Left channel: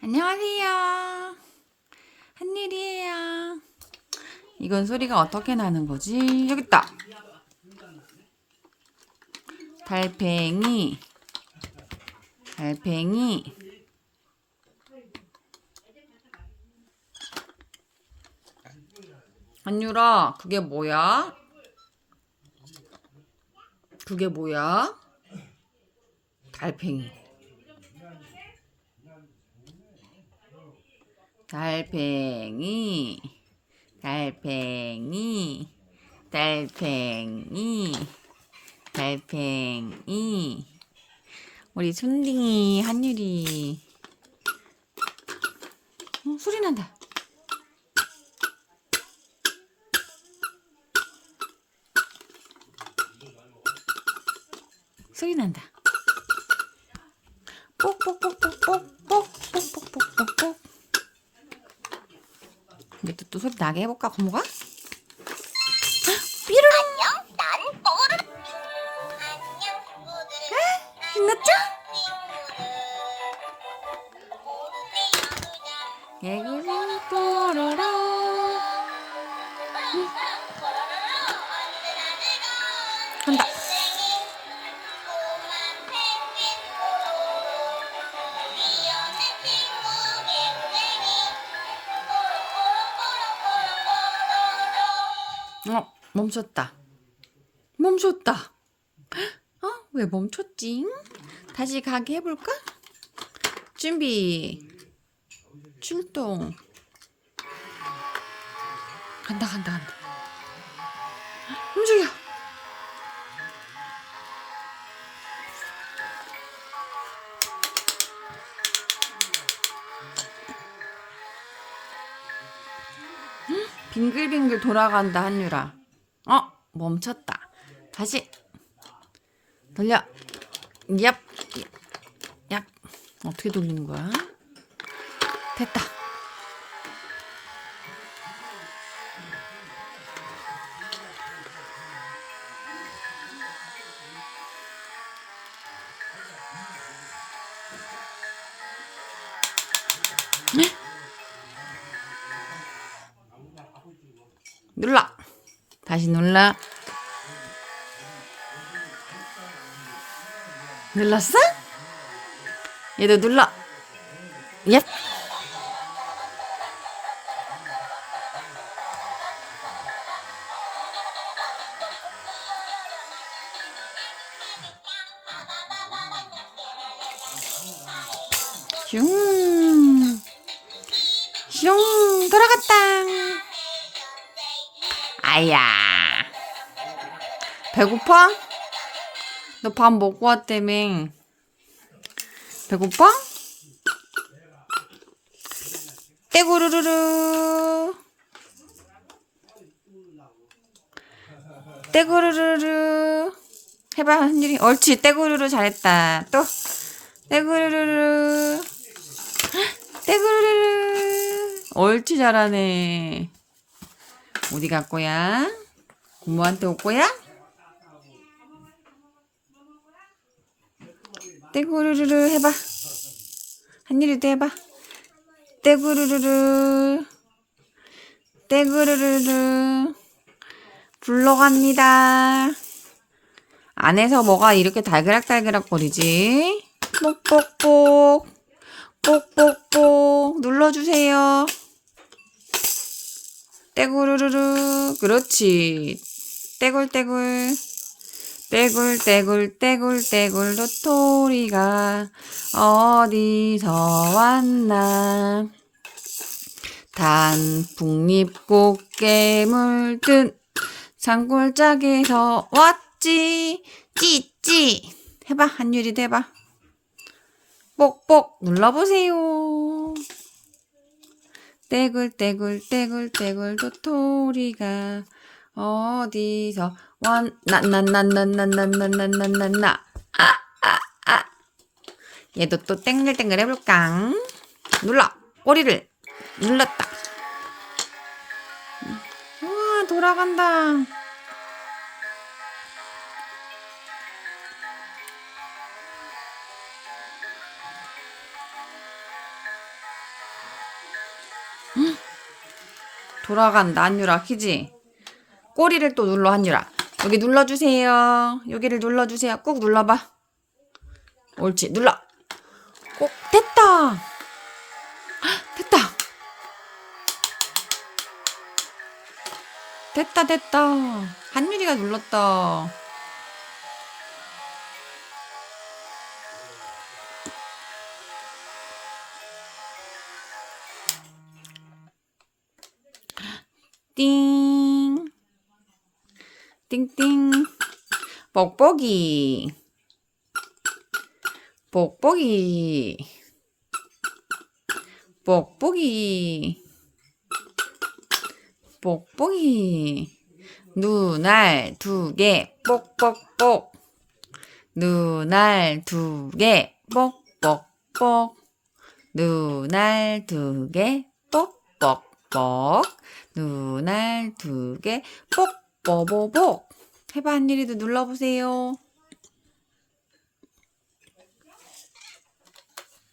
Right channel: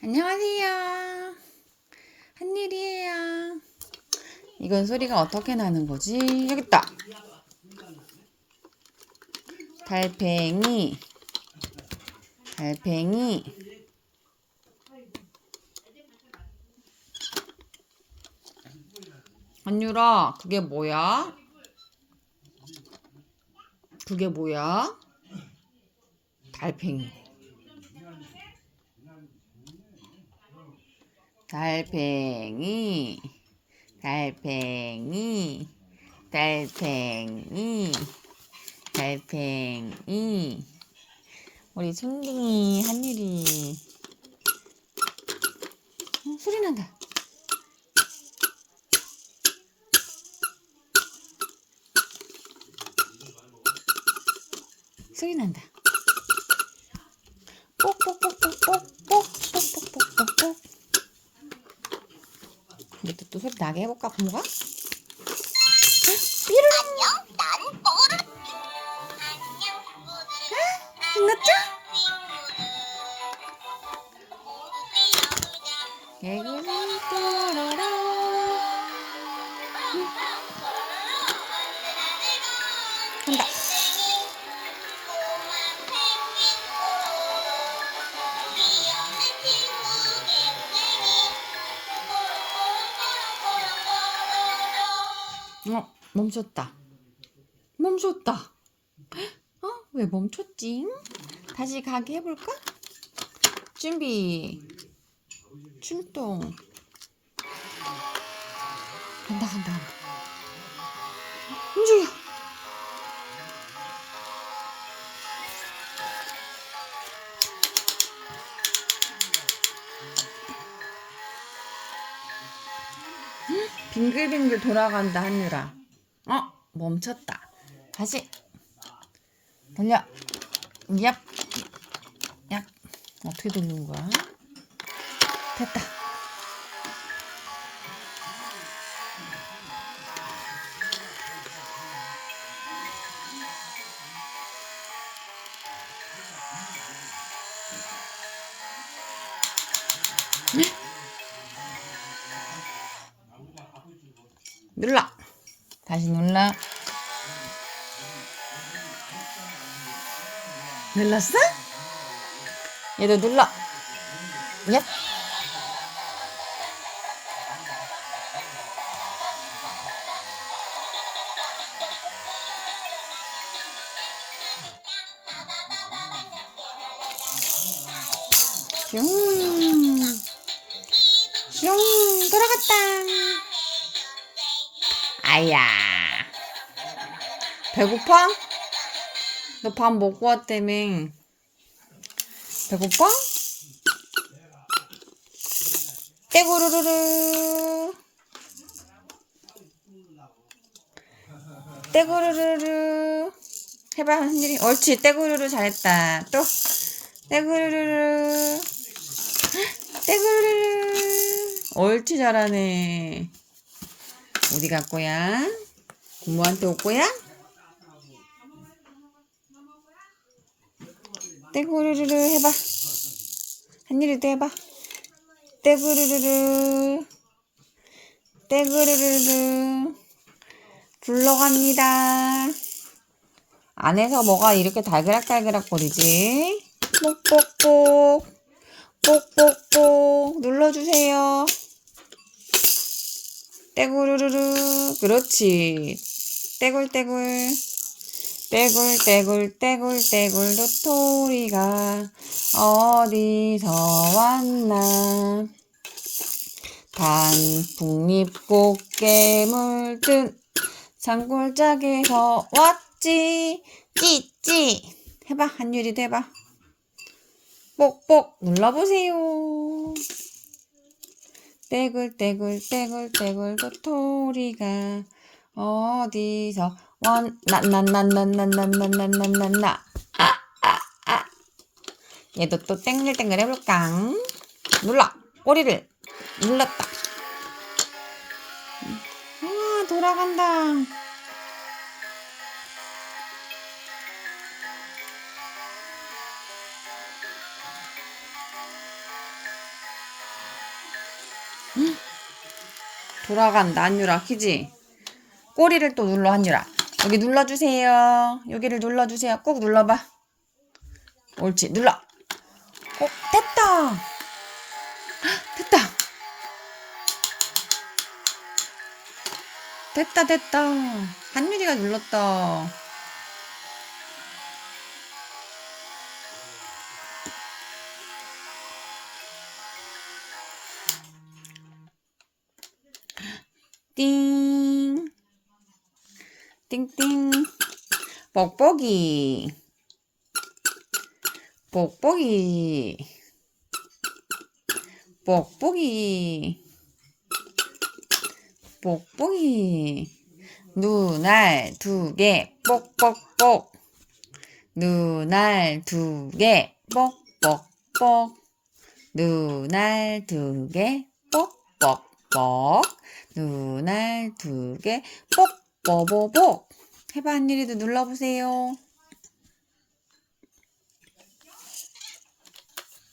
안녕하세요. 한일이에요. 이건 소리가 어떻게 나는 거지? 여기 있다. 달팽이. 달팽이. 한유라, 그게 뭐야? 그게 뭐야? 달팽이. 달팽이, 달팽이, 달팽이, 달팽이. 우리 순딩이 한율이. 어, 소리 난다. 소리 난다. 뽁뽁뽁뽁뽁뽁뽁뽁뽁뽁. 이렇게 또 소리 나게 해볼까 고모가? 삐르 안녕 난 뽀르 안녕 친구들 맞죠? 예금이 뽀르라 간다. 어 멈췄다 멈췄다 어? 왜 멈췄지? 다시 가게 해볼까? 준비 출동 간다 간다 간다 움직여 빙글빙글 돌아간다 한유라. 어 멈췄다. 다시. 돌려. 얍. 얍. 어떻게 돌리는 거야? 됐다 눌러. 다시 눌러. 눌렀어? 얘도 눌러. 예. 슝. 슝. 아야. 배고파? 너 밥 먹고 왔다며. 배고파? 떼구르르르. 떼구르르르. 해봐, 한줄이. 옳지, 떼구르르 잘했다. 또. 떼구르르르. 떼구르르르. 옳지, 잘하네. 어디 갈 거야? 고모한테 올 거야? 떼구르르르 해봐. 한일이도 해봐. 떼구르르르. 떼구르르르. 불러갑니다. 안에서 뭐가 이렇게 달그락달그락 거리지? 뽁뽁뽁. 뽁뽁뽁. 눌러주세요. 떼구르르르 그렇지. 떼굴떼굴. 떼굴떼굴 떼굴떼굴 도토리가 어디서 왔나? 단풍잎 꽃게 물 든 산골짜기에서 왔지. 찌찌. 해봐. 한유리도 해봐. 뽁뽁 눌러보세요 떼굴떼굴 떼굴떼굴 도토리가 어디서 왔나나나나나나나나나나 아아아 얘도 또 땡글땡글 해볼까 눌러 꼬리를 눌렀다 우와 돌아간다 돌아간다 한유라 키지? 꼬리를 또 눌러 한유라. 여기 눌러주세요. 여기를 눌러주세요. 꾹 눌러봐. 옳지. 눌러. 어 됐다. 헉, 됐다. 됐다 됐다. 한유리가 눌렀다 띵. 띵띵. 뽁뽁이. 뽁뽁이. 뽁뽁이. 뽁뽁이. 눈알 두 개. 뽁뽁뽁. 눈알 두 개. 뽁뽁뽁. 눈알 두 개. 뽁뽁뽁 두개 뽁뽀뽀뽀 해봐 한일이도 눌러보세요